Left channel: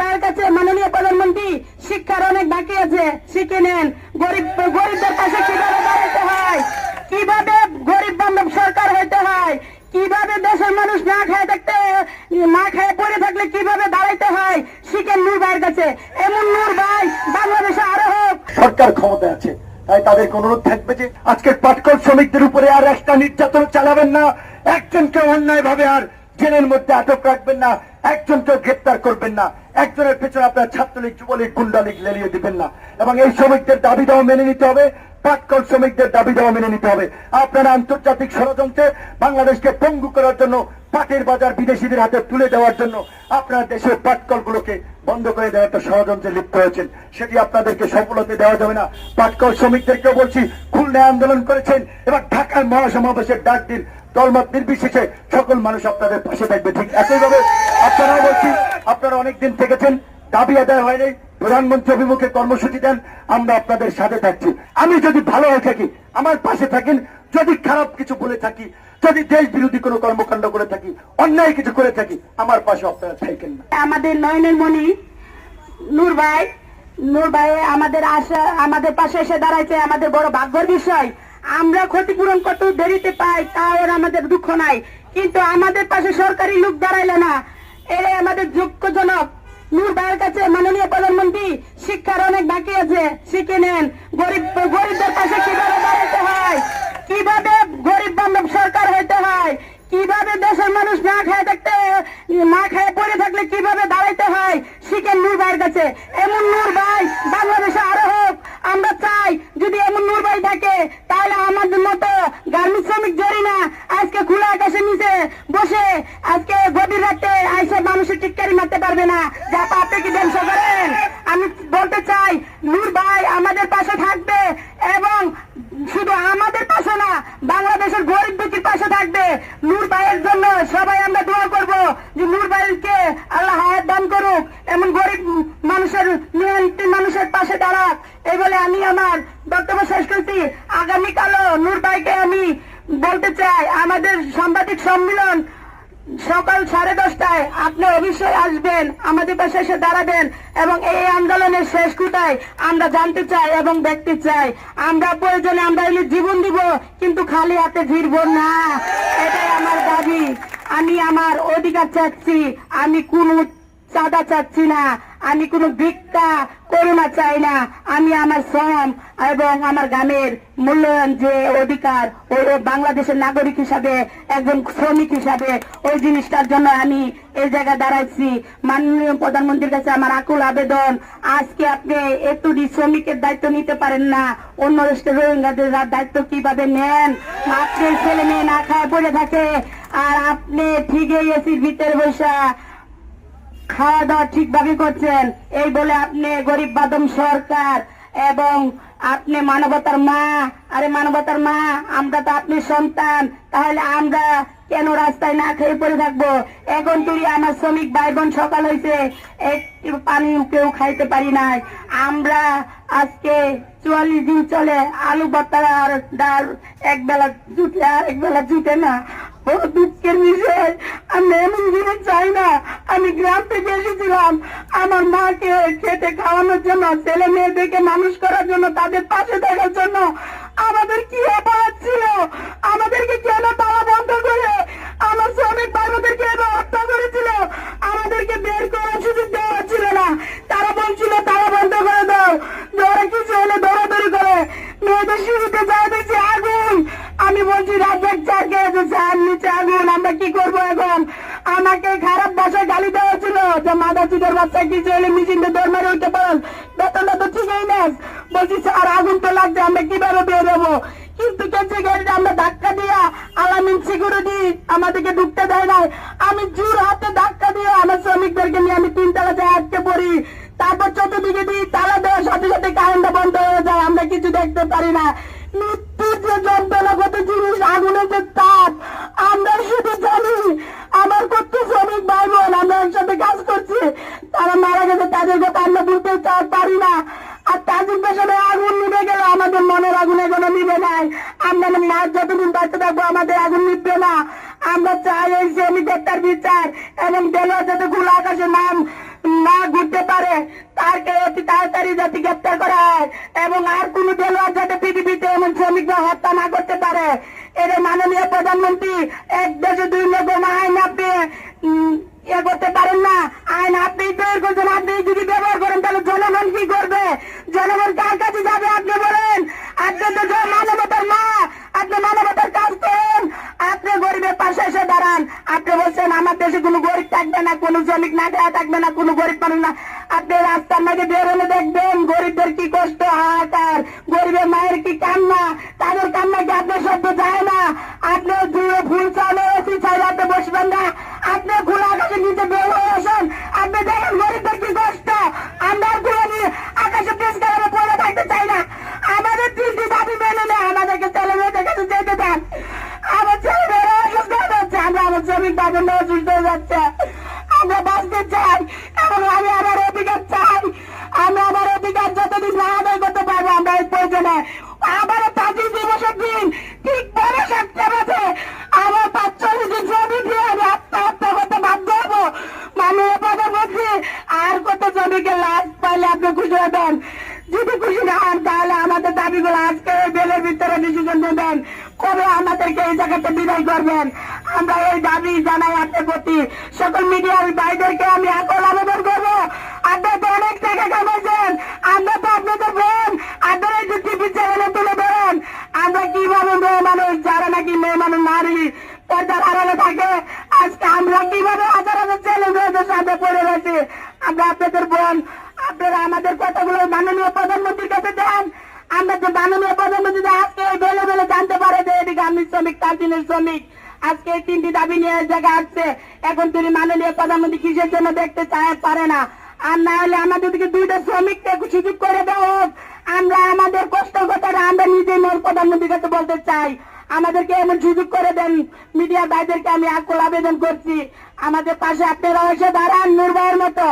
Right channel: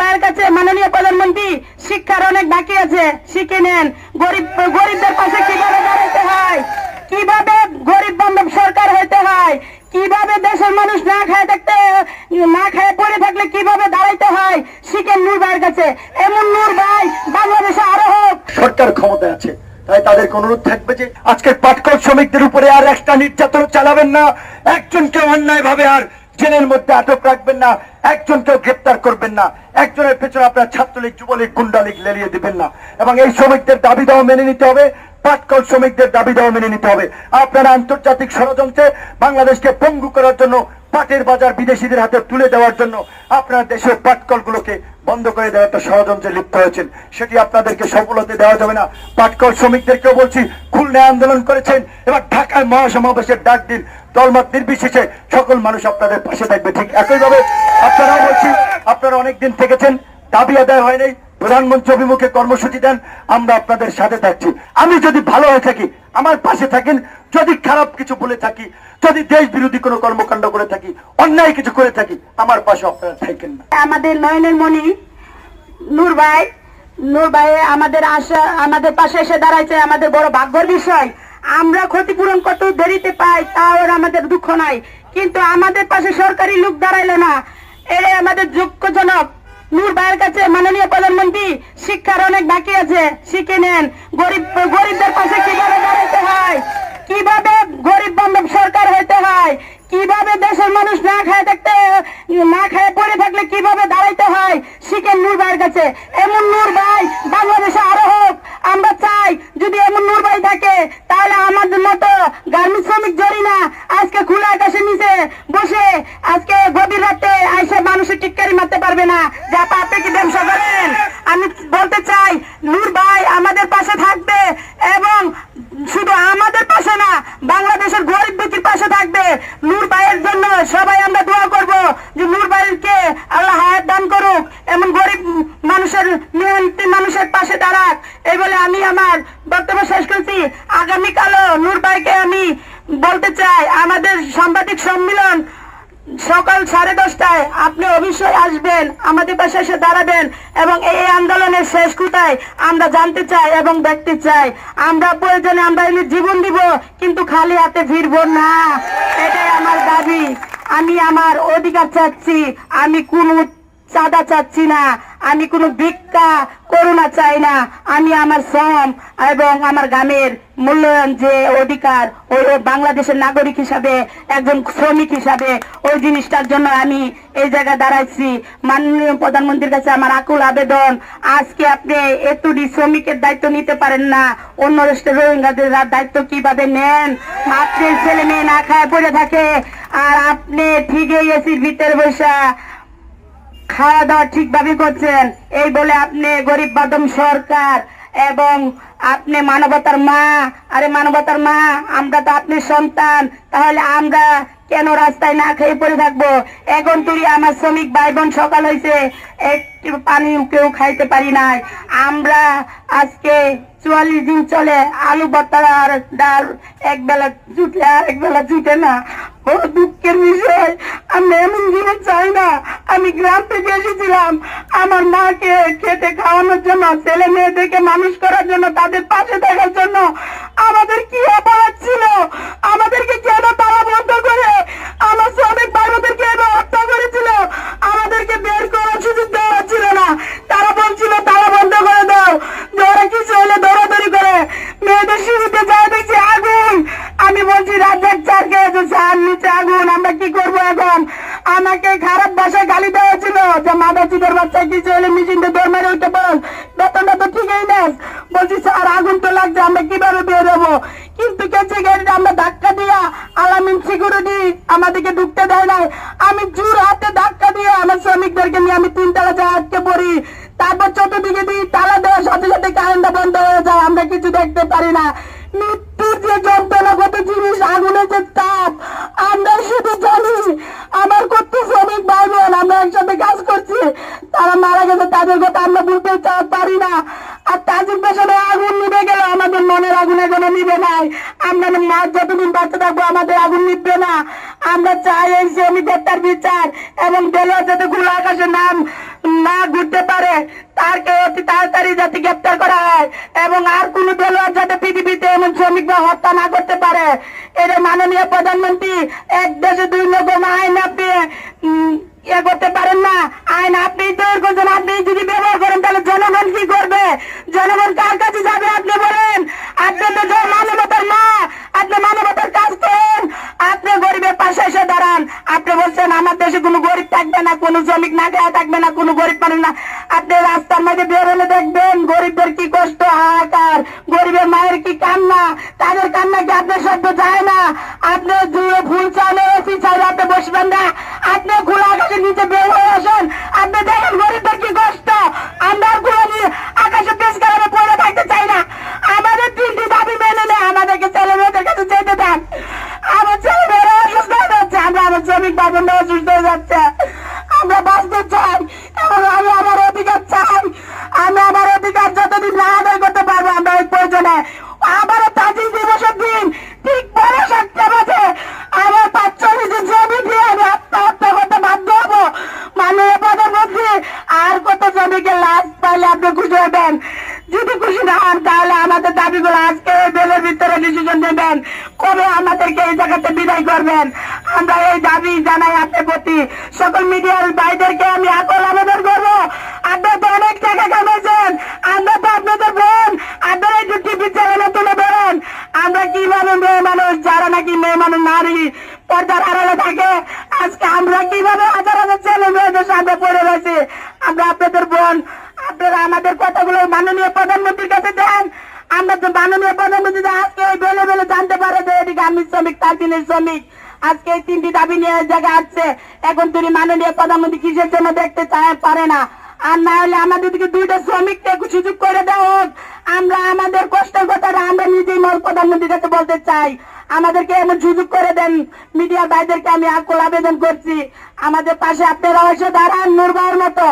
ভাইয়ের কাছে মাননীয় প্রধানমন্ত্রী, শিক্ষার অনেক বাকি আছে, শিখে নেন। গরিবদের পাশে কিভাবে দাঁড়াতে হয়, কিভাবে গরিব বান্ধব সরকার হইতে হয়, কিভাবে দেশের মানুষ না খায় পড়ে থাকলে কিভাবে দাঁড়াইতে হয়, শিখেন নূর ভাইয়ের কাছে। এমন নূর ভাই বাংলাদেশে আরো হোক। সরকার ক্ষমতায় আছে, তাই তাদেরকে অনুরোধ থাকবে যে আজকের পাটকল শ্রমিকদের উপরে আর একটা নির্যাতন চালাবেন না, একজনকে অন্যায় ভাবে আর জেলের মধ্যে আটক রাখবেন না, একজনকে গ্রেপ্তার করবেন না, একজনের পেছনে আপনার ছাত্রলীগ যুবলীগ গুন্ডালীগ লেলিয়ে দিবেন না। এবং এই শ্রমিকদের দাবি দাওয়া মেনে নিতে হবে, পাটকল শ্রমিকদের দাবি দাওয়া মেনে নিতে হবে। আপনারা আন্তর্জাতিক ষড়যন্ত্রে বাংলাদেশকে পঙ্গু করার জন্য, পাটের বাজার বিদেশিদের হাতে তুলে দেওয়ার জন্য আপনার দেশের পাটকল গুলোকে বন্ধ করে দেওয়ার একটা ষড়যন্ত্রে লিপ্ত হয়েছেন, সেটি আপনাদেরকে সফল হতে দেওয়া যাবে না। পাটকল শ্রমিকদেরকেও বলছি, খুলনায় আন্দোলন করেছেন, এবার ঢাকায় মহাসমাবেশের ডাক দিন, দলমত নির্বিশেষে সকল মানুষ আপনাদের পাশে থাকবে। ঠিক একইভাবে আপনারাও বলছি, আপনারা অনেকদিন থেকেছেন, দাবি আদায় হয় নাই, প্রধানমন্ত্রী অভিমুখে কর্মসূচি দেন, আমরা আপনাদের সাথে থাকছি। আমি যদি ভালো হয়ে থাকি আমার পাশে থাকেন, যদি খারাপ কিছু বলে থাকি, যদি দেশ বিরোধী কোনো কর্মকাণ্ড করে থাকি, অন্যায় কিছু করে থাকি, আমার পাশে আপনারা থাকেন না। আমাদের নয়নের মণি নূর ভাই আমাদের পাশে এসে দাঁড়াইছে, আমাদের বড় ভাগ্যের বিষয়। আমরা ক্ষতিপূরণ কত দেরিতে পাই তাও আমাদের দুঃখ নাই, কিন্তু আমাদের পাশে সরকারি লোক দাঁড়াইলো না। এরে আমাদের যোগ্যজনক নূর ভাইয়ের কাছে মাননীয় প্রধানমন্ত্রী, শিক্ষার অনেক বাকি আছে, শিখে নেন। গরিবদের পাশে কিভাবে দাঁড়াতে হয়, কিভাবে গরিব বান্ধব সরকার হইতে হয়, কিভাবে দেশের মানুষ না খায় পড়ে থাকলে কিভাবে দাঁড়াইতে হয়, শিখেন নূর ভাইয়ের কাছে। এমন নূর ভাই বাংলাদেশে আরো হোক। আমরা চাই যদি এমন নূর ভাই থাকে, তাহলে আমাদের মতো গার্মেন্টস শ্রমিক জরিনা আজকে খোলা আকাশের নিচে বসে আজকে গভীর রাতে আইসে মানুষের টিটকারি মারতে পারবে না, যা আপনি কি ব্যবসা করেন। আমি বলতে চাই, নূর ভাই আমাদের পাশে থাকবে, এবং শুধু আমাদের পাশে না, বাংলাদেশের গরিব দুঃখীর পাশে থাকবে। নূর ভাইয়ের জন্য সবাই আমরা দোয়া করব যে নূর ভাইকে আল্লাহ হায়াত দান করুক, এমন গরিব মানুষের পাশে দাঁড়াক। এই বলে আমি আমার বক্তব্য শেষ করছি। আগামীকালও নূর ভাইকে আমি বলতে চাই, আমাদের সাংবাদিক সম্মেলন সকাল 10:30টায় আপনি অবশ্যই আসবেন, আমাদের পাশে এসে দাঁড়াবেন, এবং এই আন্দোলনের শেষ কোথায় আমরা জানতে চাই এবং দেখতে চাই। আমরা প্রয়োজনে আমরা জীবন দিব, কিন্তু খালি হাতে ফিরবো না, এটাই আমার দাবি। আমি আমার অধিকার চাচ্ছি, আমি কোন চাঁদা চাচ্ছি না, আমি কোনো ভিক্ষা করুণা চাই না। আমি আমার শ্রম এবং আমার গ্রামের মূল্যায়ন যে অধিকার, ওই বাংলাদেশের নাগরিক হিসাবে, একজন শ্রমিক হিসাবে, ওই জিনিসটার জন্য আমি এই জায়গায় দাঁড়াইছি। মাননীয় প্রধানমন্ত্রীর কাছে আমার আকুল আবেদন, আজকে আপনি এতটি শ্রমিকের দায়িত্ব নিতে পারেন না, অন্য দেশের রোহিঙ্গাদের দায়িত্ব কিভাবে নেন? মাতৃ ছেলে মেয়ে না খায় পড়ে থাকে, আর আপনি ঠিকই এসির ভিতরে বসা খাওয়া দাওয়া ঠিকভাবে করছেন, এই বলে আপনি গরিব বাদম সরকার, এবং আপনি মানবতার মা। আরে মানবতার মা, আমরা তো আপনার সন্তান, তাহলে আমরা কেন রাস্তায় না খেয়ে পড়ে থাকবো? এখন তুই আমার শ্রমিক ভাই বোন সকাল হয়েছে, একটু পানি কেউ খাইতে পারি নাই। আমরা আজকে 44 দিন চলে আলু ভর্তা আর ডাল একবেলা জুটে, আর একবেলা জুটে না। বড় দুঃখের বিষয়, আমি এমন জিনিস চাই না। আমি গ্রাম থেকে এসেছিলাম আমার মাকে খেতে খাওয়ানোর জন্য, ছেলে মেয়েদেরকে মানুষ করার জন্য, তাদের পাশে থাকার জন্য। আমাদের কি অপরাধ ছিল? আমাদেরকে কেন তালা বন্ধ করে আমার শ্রমিক ভাইদেরকে হত্যা করেছিল? আমাদেরকে বের করার সুযোগ দেওয়া ছিল না। তারা বলছিল তালা বন্ধ করে দাও, যে ওরা কিছু হলে দৌড়াদৌড়ি করে মেয়েদের শিশুতে যায় দেখছি আগুন। আমি বলছি রাজ্জাক স্যারকে, স্যার নিচে আগুন, আমরা কি করবো এখন? আমাকে খারাপ ভাষায় গালি দেওয়া ছিল, যে মাদা চুদের বাচ্চা কিছু হলে মিশিংটা দৌড় মেরে উঠতে পারো, বেতনটা তো ঠিকই নেস। বলছি স্যার আগুন তো লাগছে, আমরা কিভাবে বের হবো? কিন্তু কেছে গেটে আমরা ধাক্কা দিয়া আলামিন সিকিউরিটি আমাদেরকে ঢুকতে দেয় না। আমি জোর হাতে ধাক্কা দিয়ে আমার শ্রমিকদেরকে নিয়ে আমি 3 তলা যায় আটকে পড়ি। তারপর চতুর্দিকে দিই, তালা দেওয়ার সাথে সাথে কারেন্টটা বন্ধ হয়ে যায়, আমরা কিছু দেখতে পারি না। মৃত্যুর যে যন্ত্রণা, কত জিনিস, আগুনের যে তাপ, আমরা শুধু জানি। আমার কত শ্রমিক ভাই বোন আমরা একসাথে কাজ করছি, তারা মারা গেছে, তাদের কথা আমরা বলতে পারি না। আর তাজিক পেছনে আগুন নিভে গেল, আমাদের মনের আগুন এখনো নিভে নাই। আমরা মাছ যতদিন বাঁচতে থাকবো আমাদের আগুন নিভবে না। আমরা চাই এই শ্রমিক হত্যার বিচার, এবং দলীয় যাতে খোলা আকাশে নাম না ঘুরতে অতি তাড়াতাড়ি যাতে গ্রেপ্তার করা হয় এবং আর কোন দল যাতে পৃথিবীতে এমন শ্রমিকরা হত্যা না করতে পারে। এর মাননীয় প্রধানমন্ত্রী, এক দেশে দুই রকম আইন আপনি ইয়ে করতে পারেন না। আইন আপনি তৈরি করছেন, আপনি যদি ব্যবহার করেন তাহলে জনগণ কি করবে? জনগণ কার কাছে যাবে আপনি বলেন? আপনি তো যে মানবতার মা, আপনি মানবতার কাজ করেন, আপনি গরিবের পাশে এসে দাঁড়ান। আপনি বলছেন আমার দেশে কোনো গরিব থাকবে না, কোনো শ্রমিক না খাওয়া থাকবে না, কোনো গরিব মানুষ না। আপনি রাস্তার মাঝে বেরোলে দেখবেন গরিবদের কি কষ্ট, হাহাকার, গরিবের মায়ের কি কান্না, তাদের কান্না কি আপনার শব্দ যায় না? আপনি দুয়ে ফুল চালে এসি চাইলে আপনি বসবেন না, আপনি খোলা আকাশের নিচে বের হয়ে আসেন, আপনি দেখেন গরিবদের কি কষ্ট। আমরা খোলা নিয়ে আকাশে পেশ করে পড়ে থাকতে চাই না। আমাদের তিনটি দাবি মেনে নেয়, আমাদেরকে ছেলে মেয়েদের কাছে যেতে দেন। আমার ছেলে মেয়েরা অসুস্থ হয়ে যাচ্ছে, আমরা আমার শ্রমিক বাবুরা অসুস্থ হয়ে যাচ্ছে। আমরা বাঁচতে চাই এবং আমি আমার অধিকার চাই। আমি আমার অধিকার যতদিন না আদায় করতে পারবো, আমরা এই প্রয়োজনে আবারও 25 দিবসের দিন ঠিক 12:07 বাজে আমার 45 দিন জমি দিয়ে আমি আত্মহত্যা করতে বাধ্য হবো। মাননীয় প্রধানমন্ত্রী, আর কত জমিকে লাশ পাইলে আপনি খুশি হবেন? যদি খুশি না হন তাহলে আমাদের দাবিগুলো আজকে বেলের ভিতরে ডিসিশন নেবেন, কবে আমাদেরকে এই জায়গাতে বিদায় করবেন। আমরা এই দাবি জানাই আপনার প্রতি। সকল মিডিয়ার ভাইদেরকে আমি আকল আবেদন করবো, আপনারা তো অনেক টাকা কামাইছেন, আমরা তো আপনাদের বোন, আপনারা একটু টিভি চ্যানেলে তুলে ধরেন আমরা কিভাবে মেয়ে মানুষ, যারা নাকি মেয়ে মানুষ নারী পর্দার আড়ালে থাকে, আজকে আমরা কিভাবে হাজার হাজার ছেলে মেয়েদের সামনে পড়ে রয়েছি। আমরা আপনাদের বোন, আপনারা আমাদের কথাগুলো মাননীয় প্রধানমন্ত্রীর কাছে দেন। আমরা তো মাননীয় প্রধানমন্ত্রী আজকে বেলে বেলে জানতে পারে যে এদিকে আমি শ্রমিক, তার দিনের শ্রমিক, আজকে এই তিনটি দাবি নিয়ে জায়গা আসছে। এখন তিনি মাননীয় প্রধানমন্ত্রী কিসের জন্য দেখতে চায় পারে না। আর না হলে আমাদেরকে দুইটা শ্রমিককে সুযোগ করে দেওয়া হোক। আমরা আমাদের কষ্টের কথাটা আমরা নিজেই প্রধানমন্ত্রীর কাছে বলতে চাই, আমাদেরকে এমন সুযোগ করে দেন। মিডিয়া ভাইদেরকে আমি আকুল আবেদন করছি, আমাদের পাশে আপনারা এসে দাঁড়ান নূর ভাইয়ের মতো।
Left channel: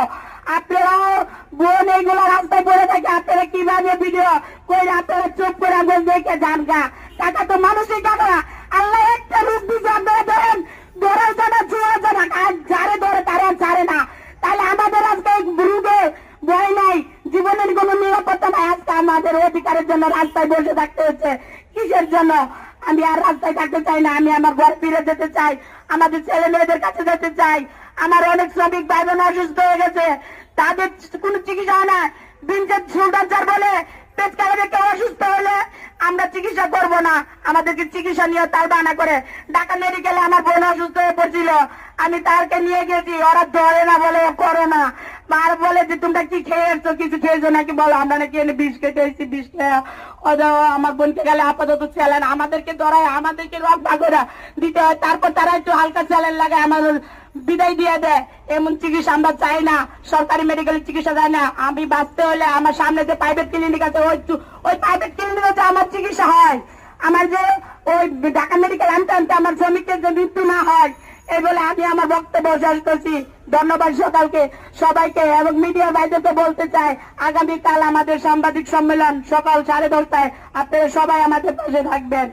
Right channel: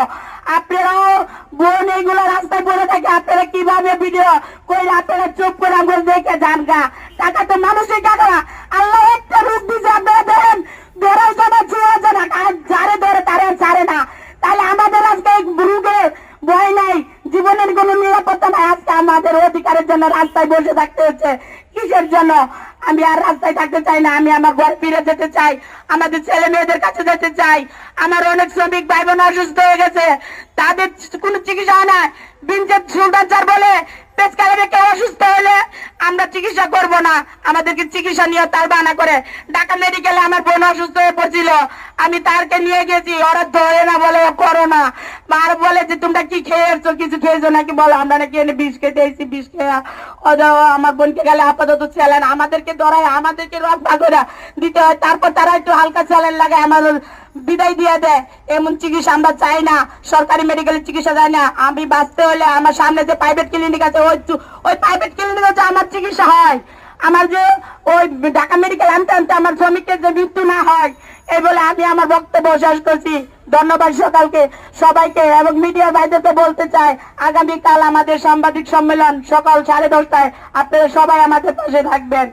আপনারাও বোন এইগুলো রাস্তায় পড়ে থাকে, আপনারা কিভাবে ভিডিও করে আপনারা চুপ করে আঙুল দেখে যান গা। টাকা তো মানুষই টাকা, আল্লাহ একটা রূপ দিচ্ছে, আপনারা দেন ধরার জন্য ছুঁয়া জানা, যারে ধরে তারা ছাড়ে না। তাহলে আমাদের আজকে রূপে ভয় নাই, জীবনের কোনো নিরাপত্তা নাই। আজকে আমাদের অধিকারের জন্য রাস্তায় বসে থাকতে হচ্ছে, কিসের জন্য? আমি আর রাস্তায় থাকতে চাই না, আমি আমার ঘর ফিরে যেতে চাই, আমাদের ছেলে মেয়েদের কাছে যেতে চাই। আমার অনেক শ্রমিক ভাই বোন অসুস্থ হয়ে গেছে, তাদের কোনো চিকিৎসা হয় না। বিনজের সুলতান স্যার বলে পেশকারে কেউ অসুস্থ হলে আমরা চিকিৎসা করব না, আমাদেরকে চিকিৎসা নিয়ে তার বানা করে। ঢাকা মেডিকেলে আমার বোন অসুস্থ হয়ে পড়ছিল, আমি তারকে নিয়ে গেছি, ওরা ধরে না, বলে করো না। আর বলে যে তোমরা কি খেয়েছো, কিছু খেয়েছো নাকি? বলো আমরা নাকি এনে বিষ খেতে এসেছি, বিষ খেয়ে আমার বোনকে গেলে আপাতত চ্যালেন আমাদেরকে ধরায়, আমাদেরকে রক ভাগরা দিতে হয়, তারপর তারা একটু হালকা চ্যালেন লাগে আমার বিদায় দিয়ে দেয়। এমন চিকিৎসা আমরা চাই না, সরকারি মেডিকেলের চিকিৎসা চাই না। আমি বাঁচতে হলে আমার সামনে যে প্রাইভেট ক্লিনিক আছে ওই প্রাইভেট ক্লিনিক হচ্ছে আমার চিকিৎসা হয়। আমার যে ওই ঢাকা মেডিকেল আনতে আনতে আমার শ্রমিকের যে মৃত্যু না হয়, এই বলে আমি আমার বক্তব্য শেষ করছি। ধন্যবাদ সকালকে সবাইকে এবং মিডিয়া ভাইদেরকে বলতে চাই, আগামীকাল আমাদের সাংবাদিক সম্মেলন সকাল 10:30টায়, আপনারা সবাই আমাদের পাশে থাকবেন।